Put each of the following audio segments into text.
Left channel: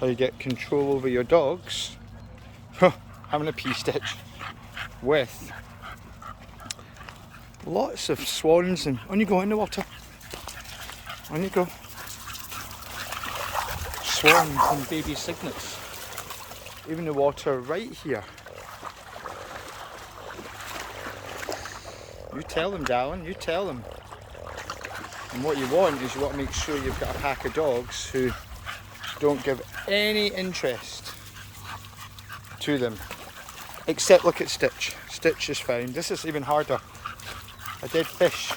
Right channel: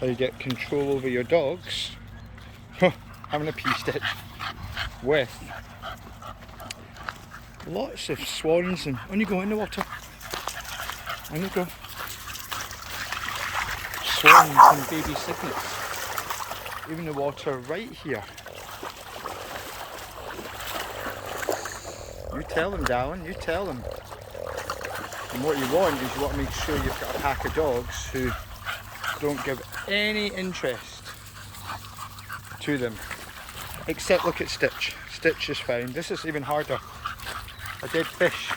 how you get control over your dogs. Having a pee stitch with lots of swans, and on you go in the water. On you go. Swans and baby cygnets. Even the water right here. You tell them, darling, you tell them. And what you want is you want to make sure you've got a pack of dogs who don't give any interest to them. Except look at Stitch. Stitch is fine. This is even harder. A dead fish.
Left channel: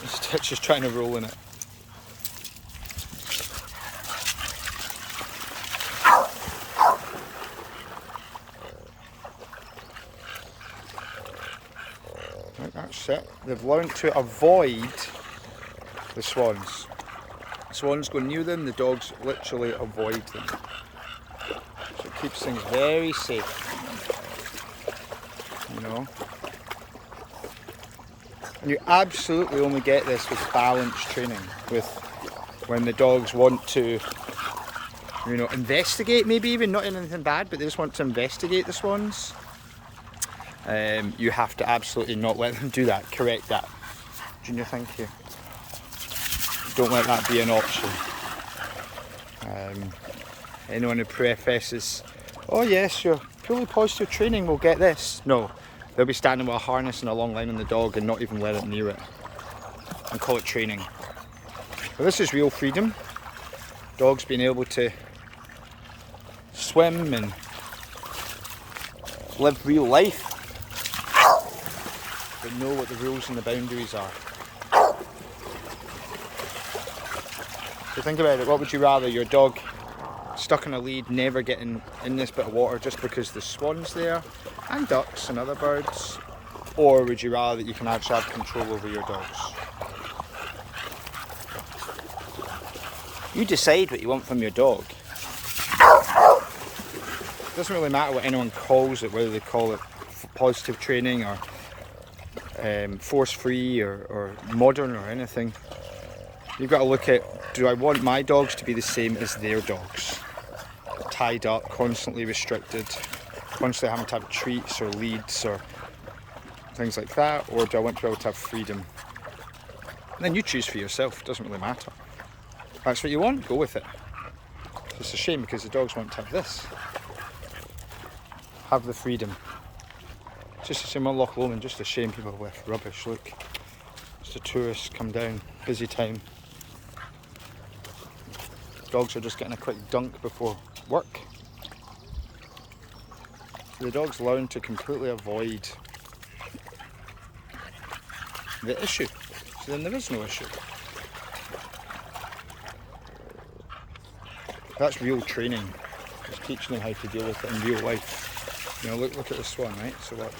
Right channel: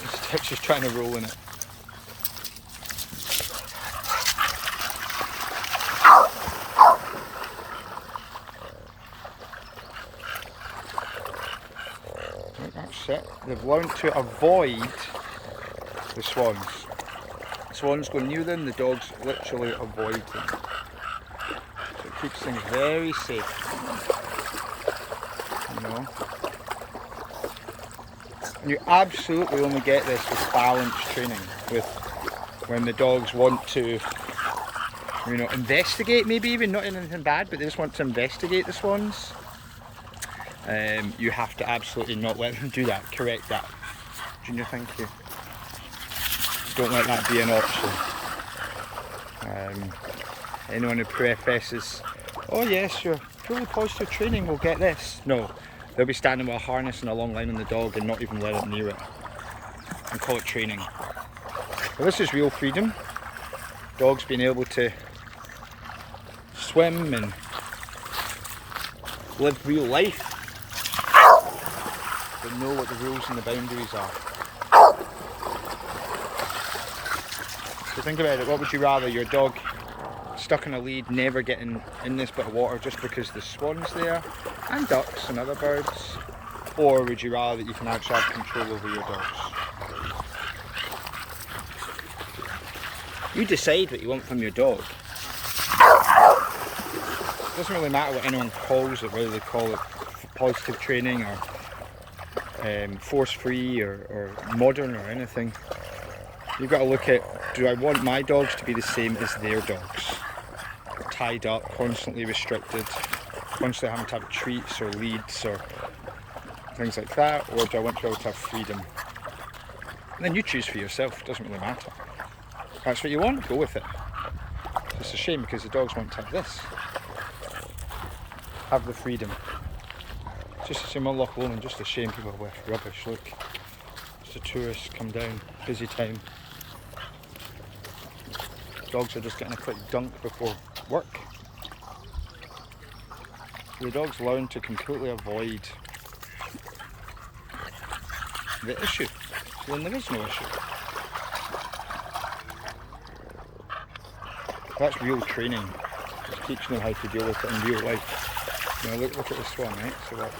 And Stitch is trying to roll in it. That's it. They've learned to avoid the swans. Swans go near them, the dogs literally avoid them. So it keeps things very safe. You know? And you absolutely only get this with balanced training, with when the dogs want to, you know, investigate, maybe even not anything bad, but they just want to investigate the swans. You have to absolutely not let them do that. Correct that. Junior, thank you. Don't let that be an option. Anyone who professes, oh yes, your fully positive training will get this. No, they'll be standing with a harness and a long line on the dog and not even let it near it. And call it training. But this is real freedom. Dogs being able to swim and live real life. But know what the rules and the boundaries are. So think about it, what would you rather? Your dog stuck in a lead, never getting in this bit of water just because the swan's there, and ducks and other birds? Or would you rather that you can actually have control over your dogs? You decide what you want from your dog. It doesn't really matter what anyone calls it, whether they call it positive training or force-free or modern or anything. You've got to look at, do I want my dogs to be the same as their dogs? Tied up, constantly restricted, constantly having to have treats or leads or things like that, or do I want to be able to have freedom? And then you choose for yourself, it doesn't really matter. If that's what you want, go with it. It's a shame because the dogs want to have this. Have the freedom. Just the same on Loch Lomond, just a shame people with rubbish. Look, just the tourists come down, busy town. Dogs are just getting a quick dunk before work. The dogs learn to completely avoid the issue, so then there is no issue. That's real training, just teaching them how to deal with it in real life. You know, look at the swan, right? So watch.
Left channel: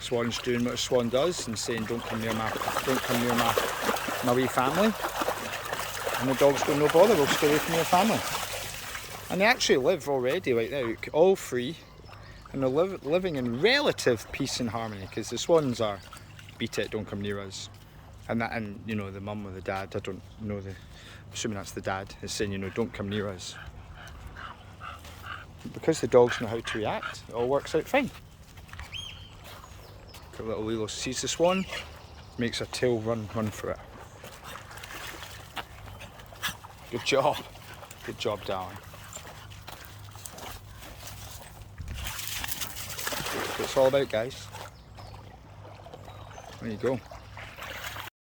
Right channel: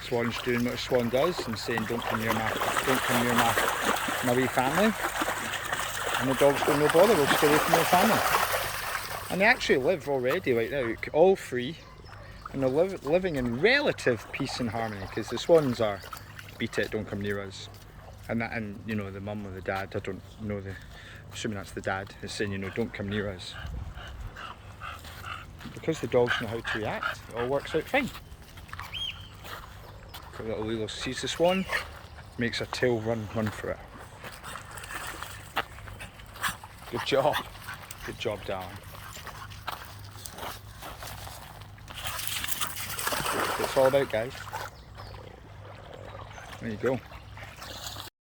Swan's doing what a swan does and saying, don't come near my wee family. And the dogs go, no bother, we'll stay away from your family. And they actually live already right now, all free, and they're living in relative peace and harmony, because the swans are, beat it, don't come near us. And you know, the mum or the dad, I don't know, assuming that's the dad, is saying, you know, don't come near us. Because the dogs know how to react, it all works out fine. The little Lilo sees the swan, makes her tail run for it. Good job, darling. That's what it's all about, guys. There you go.